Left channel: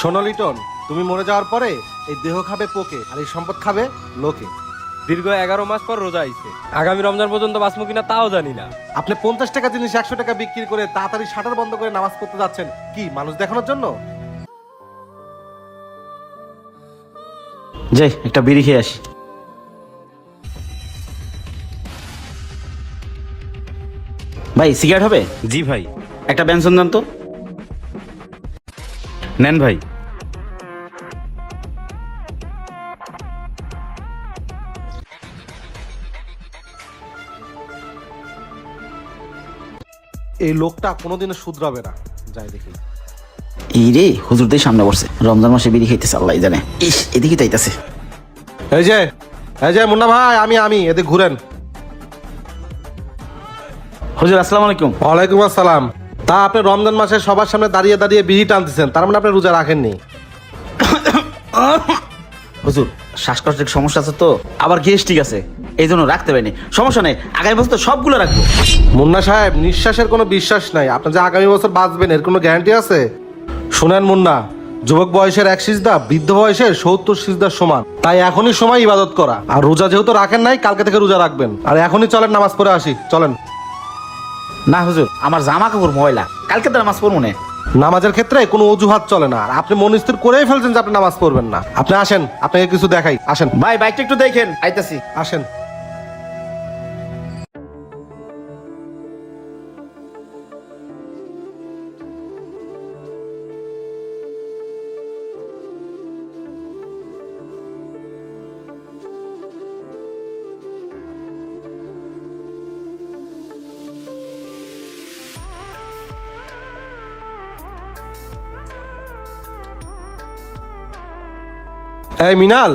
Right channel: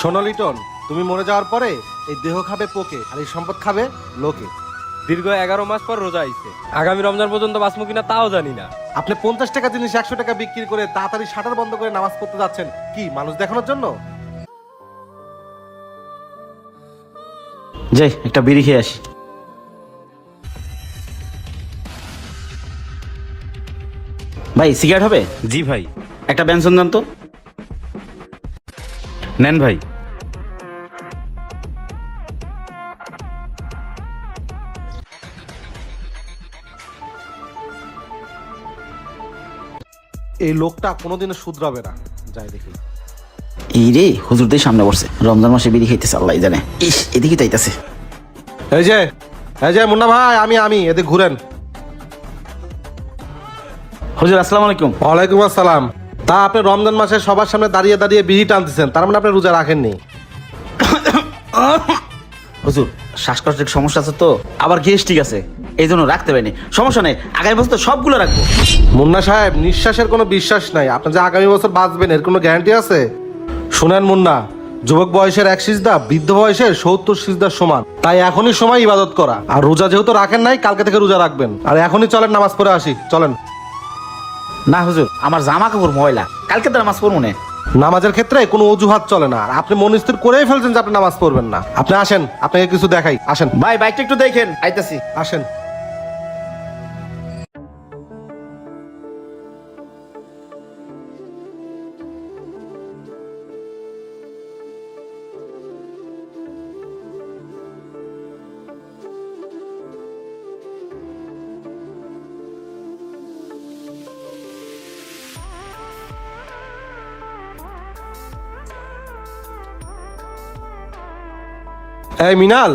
শোনো লিটন তুমি মরে যাওয়ার পরে এই দেহ খাবে পোকে আর এই সম্পদ খাবে লোকে। দীর্ঘ এগারো মাস পর রোজা হইছে। আগামী রমজান পর্যন্ত বাঁচবো কিনা তাও জানি না। আপনি পঞ্চাশ টাকা জিনিস একশো টাকা বিক্রি করে তাড়াতাড়ি শাটার বন্ধ করে নামাজ পড়তে যাচ্ছেন। কি মানুষ দেখানোর জন্য? যাই একটা বিড়ি খেয়ে আসি। ভাই সিগারেট হবে? জি ভাই। একটা বেনসন দেন তো। নেন ভাই। এই লোকটা কোনোদিনও শুধরাবে না। যাই দেখি। এই রে সামনে বসছে রমজান মাসে বিড়ি জানে। এদিকে চাইতেছে এই যে এই যে মুন্না ভাই আমি আমি এদিকে ঘুরেন। হুজুর আসসালামু আলাইকুম। ওয়ালাইকুম আসসালাম। তা আপনি রমজান মাসে সবার সামনে দাঁড়িয়ে দাঁড়িয়ে বিড়ি টানতেছেন তার মানে আপনি রোজা রাখেননি। হুজুর শ্বাসকষ্টের সমস্যা আছে তো? আবার গ্যাস্ট্রিক আছে এই জন্য রাখতে পারিনি। সমস্যা নেই আগামী বছর সবগুলো রাখব। মুন্না সাহেব নিঃশ্বাসের কোনো বিশ্বাস নাই। আপনি যে আগামী বছর বাঁচবেন এর কোনো গ্যারান্টি আছে? শুনেন মুন্না যুবক বয়সের এক সিজদা বৃদ্ধ বয়সে সত্তর সিজদার সমান। তাই এখনই সময় ইবাদত করা। আর রোজা যেহেতু রাখেন নাই কালকে থেকে রোজা রাখবেন। আর এখনই চলেন নামাজ পড়ে আসি। চলেন। না হুজুর আমার জামা কাপড় ময়লা। কালকে তো নামাজ পড়ব না। নামাজের ক্ষেত্রে কোনো অজুহাত চলে না। আপনি মনস্থির করে ফেলছেন যে আপনি নামাজ পড়বেন না। আপনি আসেন আপনাকে কিছু দেখাই। আসেন। ভাই বাইকটা একটু দেখেন। আইতাছি। আসেন। এই মিনাল।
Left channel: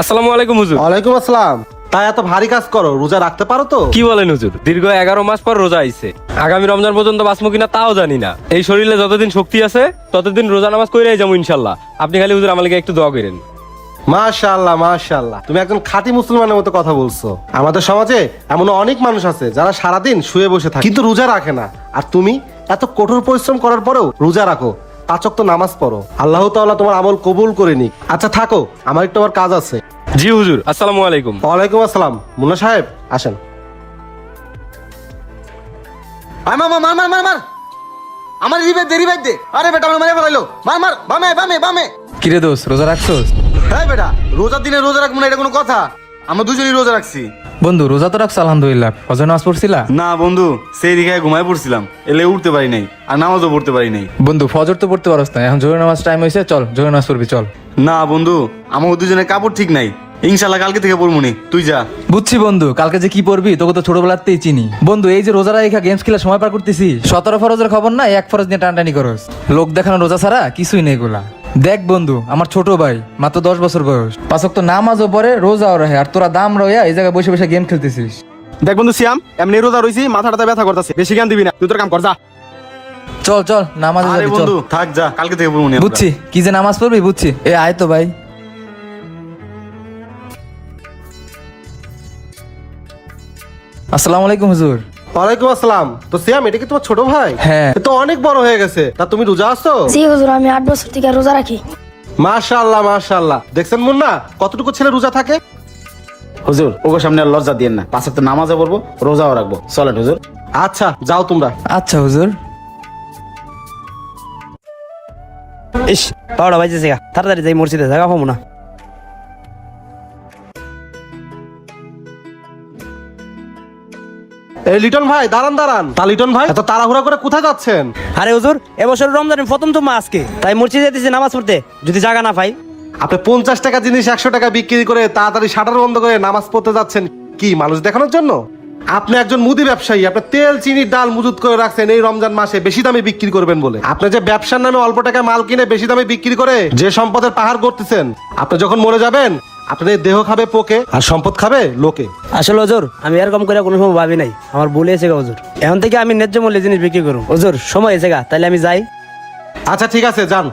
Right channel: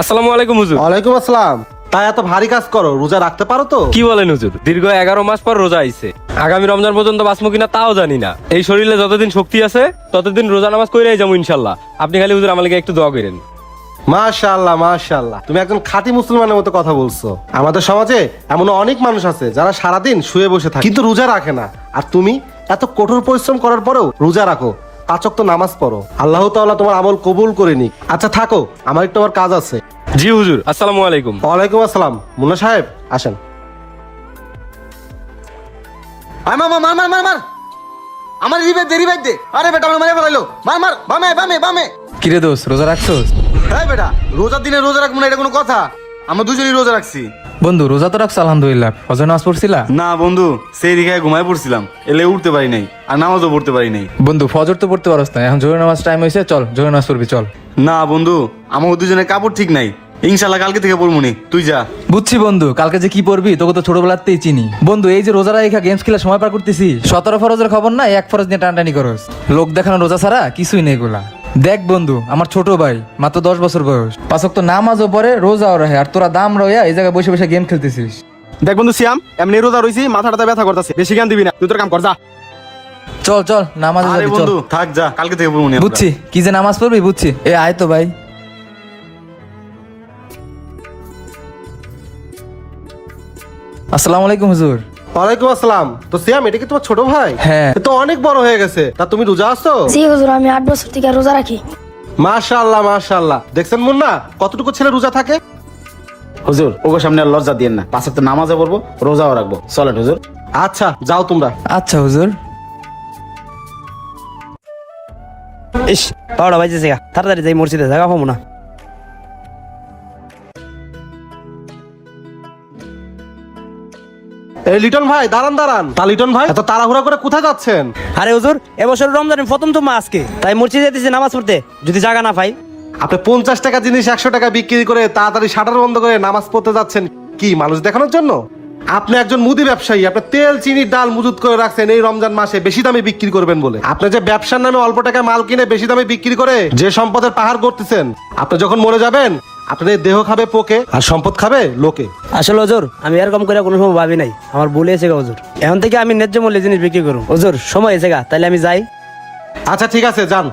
আসসালামু আলাইকুম হুজুর। ওয়ালাইকুম আসসালাম। তাই এত ভারী কাজ করো রোজা রাখতে পারো তো? কি বলেন হুজুর? দীর্ঘ এগারো মাস পর রোজা আইছে। আগামী রমজান পর্যন্ত বাঁচবো কিনা তাও জানি না। এই শরীরে যতদিন শক্তি আছে ততদিন রোজা নামাজ কইরাই যাব ইনশাল্লাহ। আপনি খালি হুজুর আমাকে একটু দোয়া করেন। মাশাআল্লাহ মাশাআল্লাহ। তুমি একজন খাঁটি মুসলমানের মতো কথা বলছো। আমাদের সমাজে এমন অনেক মানুষ আছে যারা সারাদিন শুয়ে বসে থাকে। কিন্তু রোজা রাখে না। আর তুমি এত কঠোর পরিশ্রম করার পরেও রোজা রাখো। পাঁচক তো নামাজ পড়ো। আল্লাহ তাআলা তোমার আমল কবুল করে নিক। আচ্ছা থাকো। আমার একটু আমার কাজ আছে। জি হুজুর। আসসালামু আলাইকুম। ওয়ালাইকুম আসসালাম। মুন্না সাহেব আসেন। মার মার মার মার মার মার। আমার দেরি বাইর দে। আরে বেটা আমার মারে ফেলাইলো। মার মার বামে বামে বামে। কিরে দোস্ত রোজা রাখছো হ্যাঁ বেটা। রোজার দিনে রোজা রাখব না এটা কোনো কথা। আমরা দুজনেই রোজা রাখছি। বন্ধু রোজা তো রাখছো আলহামদুলিল্লাহ। রোজা নামাজ পড়ছিলা? না বন্ধু। সেই দিকে ঘুমায় পড়ছিলাম। এলে উঠতে পারি নাই। আর নামাজও পড়তে পারি নাই। বন্ধু ফজর তো পড়তে পারস না এখন জোরে নামাজ টাইম হয়েছে চল জোরে নামাজ পড়বি চল। না বন্ধু। আমার দুজনের কাপড় ঠিক নাই। ইনশাল্লাহ কালকে থেকে পড়ব নি। তুই যা। বুঝছি বন্ধু কালকে যে কি পড়বি তোকে তো ছোটবেলাতেই চিনি। বন্ধু এই যে রোজা রেখা গেমস খেলে সময় পার করতেছি। সতেরো ফরজের খবর না এক ফরজ নিয়ে টানটানি করস। লোক দেখানো রোজা ছাড়া কিছুই নেই গোলা দেখ বন্ধু আমার ছোট ভাই মাত্র দশ বছর বয়স। পাঁচক তো নামাজও পরে রোজাও রহে আর তোরা দাম রয়ে এই জায়গায় বসে বসে গেম খেলতেছিস। দেখ বন্ধু শ্যাম এমনি রোজা রইছি মাথাটা ব্যথা করতেছে। বেশি জ্ঞান দিবি না তুই তোর কাম কর যা। চল চল নামাজ আরে বন্ধু থাক যা কালকে থেকে পড়ব নি বুঝছি। কি যে নামাজ পড়বি বুঝছি। এ আয় তো ভাই। আসসালামু আলাইকুম হুজুর। ওয়ালাইকুম আসসালাম। তো শ্যাম এটা কি তোমার ছোট ভাই? হ্যাঁ। তো অনেক বড় হয়ে গেছে। তা তুমি রোজা আছো? জি হুজুর আমি আট বছর থেকে রোজা রাখি। মাশাআল্লাহ মাশাআল্লাহ। দেখছেন মুন্না? কতটুকু ছেলে রোজা থাকে? হুজুর ওগো সামনে লজ্জা দিয়েন না। পাঁচে তো নামাজও পড়ব রোজাও রাখব। চলেন হুজুর। আচ্ছা যাও তোমরা। আচ্ছা হুজুর। ইস পড়ো ভাইজি তাড়াতাড়ি যাই মসজিদে জায়গা পাবো না। এই লিটন ভাই দাঁড়ান দাঁড়ান। তা লিটন ভাই? এত তাড়াহুড়ো করে কোথায় যাচ্ছেন? আরে হুজুর রমজানের প্রথম তো মাস আজকে তাই মসজিদে যেতেছি নামাজ পড়তে। যদি জায়গা না পাই। আপনি পঞ্চাশ টাকা জিনিস একশো টাকা বিক্রি করে তাড়াতাড়ি শাটার বন্ধ করে নামাজ পড়তে যাচ্ছেন। কি মানুষ দেখানোর জন্য? আপনি একজন মুদি ব্যবসায়ী আপনি তেল চিনি ডাল মজুত করে রাখছেন এই রমজান মাসে বেশি দামে বিক্রি করবেন বলে। আপনি যে ব্যবসার নামে অল্প টাকা মাল কিনে বেশি দামে বিক্রি করে যে সম্পদের পাহাড় করতেছেন আপনি যখন মরে যাবেন আপনাদের দেহ খাবে পোকে আর সম্পদ খাবে লোকে? আসলে হুজুর আমি এরকম করে কোনো সময় ভাবি নাই। আমার বলে এসে গা হুজুর এখন থেকে আমি ন্যায্য মূল্যে জিনিস বিক্রি করুন হুজুর সময় এসে গা তাহলে আমি যাই। আচ্ছা ঠিক আছে যান।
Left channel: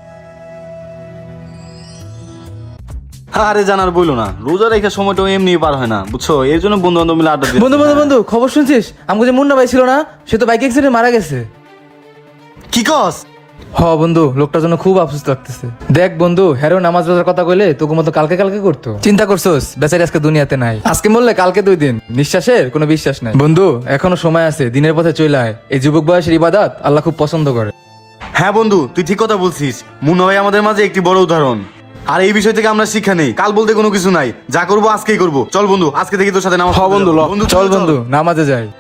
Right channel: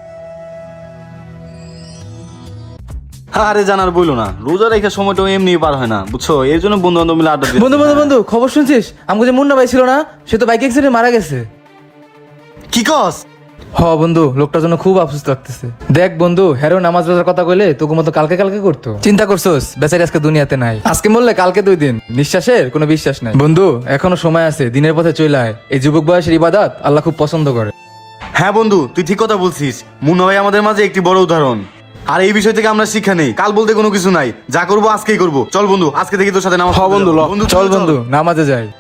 আরে জানার বলো না। রোজা রেখে সময়টা এমনি পার হয় না বুঝছ? এর জন্য বন্ধু বান্ধব মিলে আদর বন্ধু বন্ধু বন্ধু খবর শুনছিস? আমি যে মুন্না ভাই ছিল না সে তো বাইক অ্যাক্সিডেন্ট মারা গেছে। কি কস? হ বন্ধু লোকটার জন্য খুব আফসোস লাগতেছে। দেখ বন্ধু হেরো নামাজ রোজার কথা কইলে তোকে মতো কালকে কালকে করতো। চিন্তা করছোস বেচারি আজকে দুনিয়াতে নাই। আজকে মরলে কালকে দুই দিন। নিঃশ্বাসে কোনো বিশ্বাস নাই। বন্ধু এখনও সময় আছে দিনের পথে চলে আয়। এই যুবক বয়সের ইবাদত আল্লাহ খুব পছন্দ করে। হ্যাঁ বন্ধু তুই ঠিক কথা বলছিস। মুন ভাই আমাদের মাঝে একটি বড় উদাহরণ। আর এই বিষয় থেকে আমরা শিক্ষা নেই। কাল বলতে কোনো কিছু নাই। যা করব আজকেই করব। চল বন্ধু আজকে থেকে তোর সাথে নামাজ হ বন্ধু, ল। বন্ধু চল। বন্ধু নামাজে যাই।